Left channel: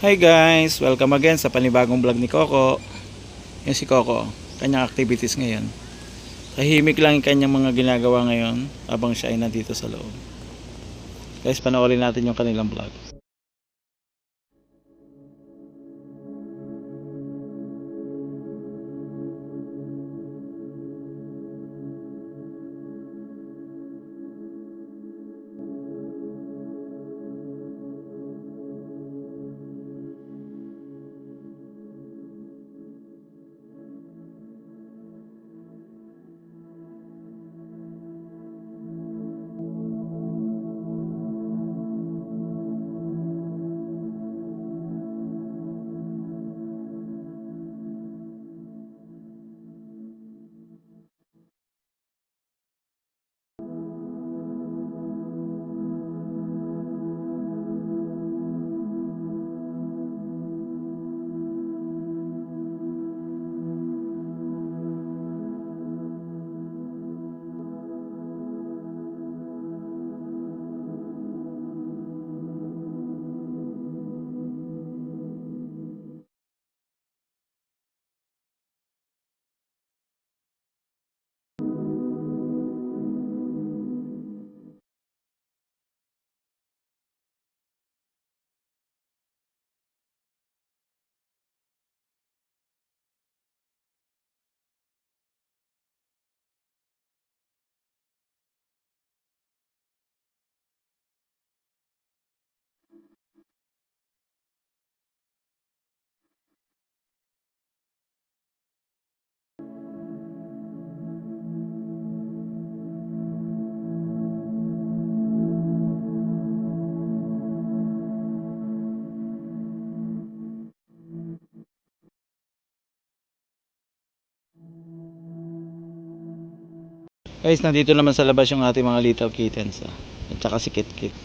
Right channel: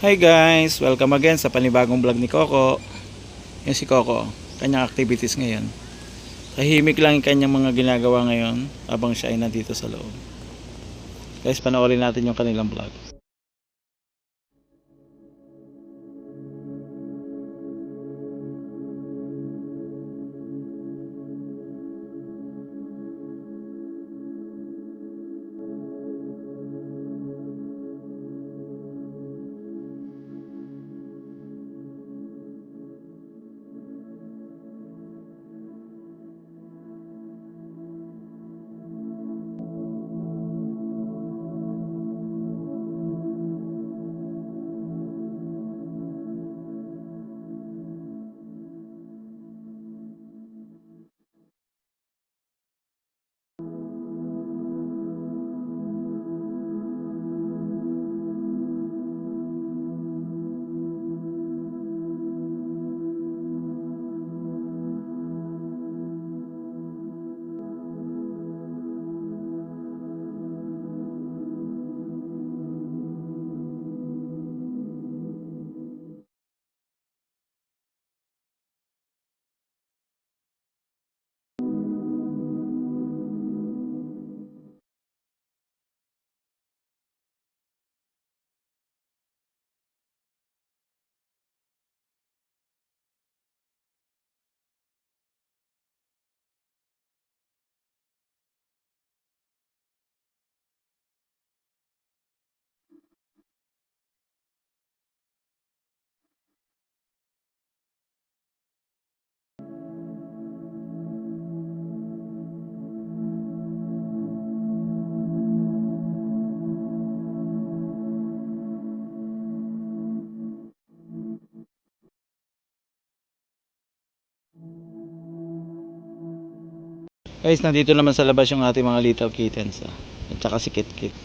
Hi guys! Welcome again sa panibagong vlog ni Coco. Yan si Coco, kanyang activities ngayon. Tahimik lang yung kanyang mga ginagawa ngayon habang siya ay nandito sa loob. Guys, panoorin natin yung kanilang vlog. Guys, nandito naman sa labas yung ating mga little kittens. At saka si Kit Kit.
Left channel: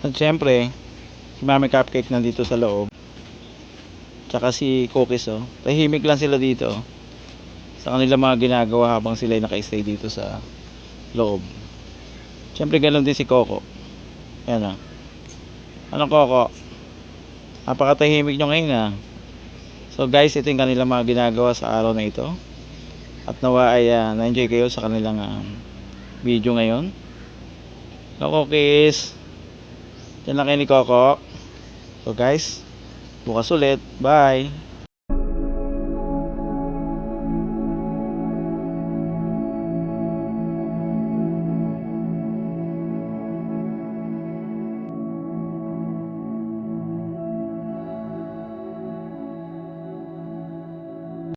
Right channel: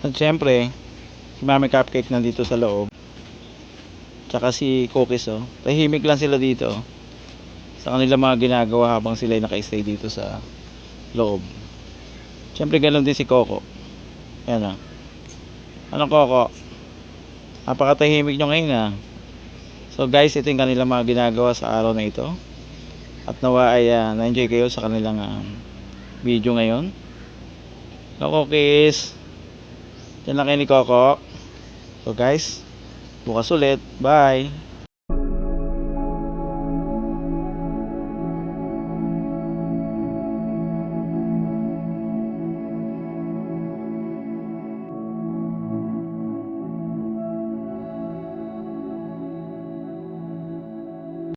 At syempre, si Mami Cupcake nandito sa loob. Tsaka si Cookies, oh. Tahimik lang sila dito sa kanilang mga ginagawa habang sila ay naka-stay dito sa loob. Syempre ganoon din si Coco. Yan, ah. Ano, Coco? Napakatahimik nyo ngayon, ah. So guys, ito yung kanilang mga ginagawa sa araw na ito. At nawa ay na-enjoy kayo sa kanilang video ngayon. Hello, Cookies. Diyan lang kayo ni Coco. So guys, bukas ulit. Bye.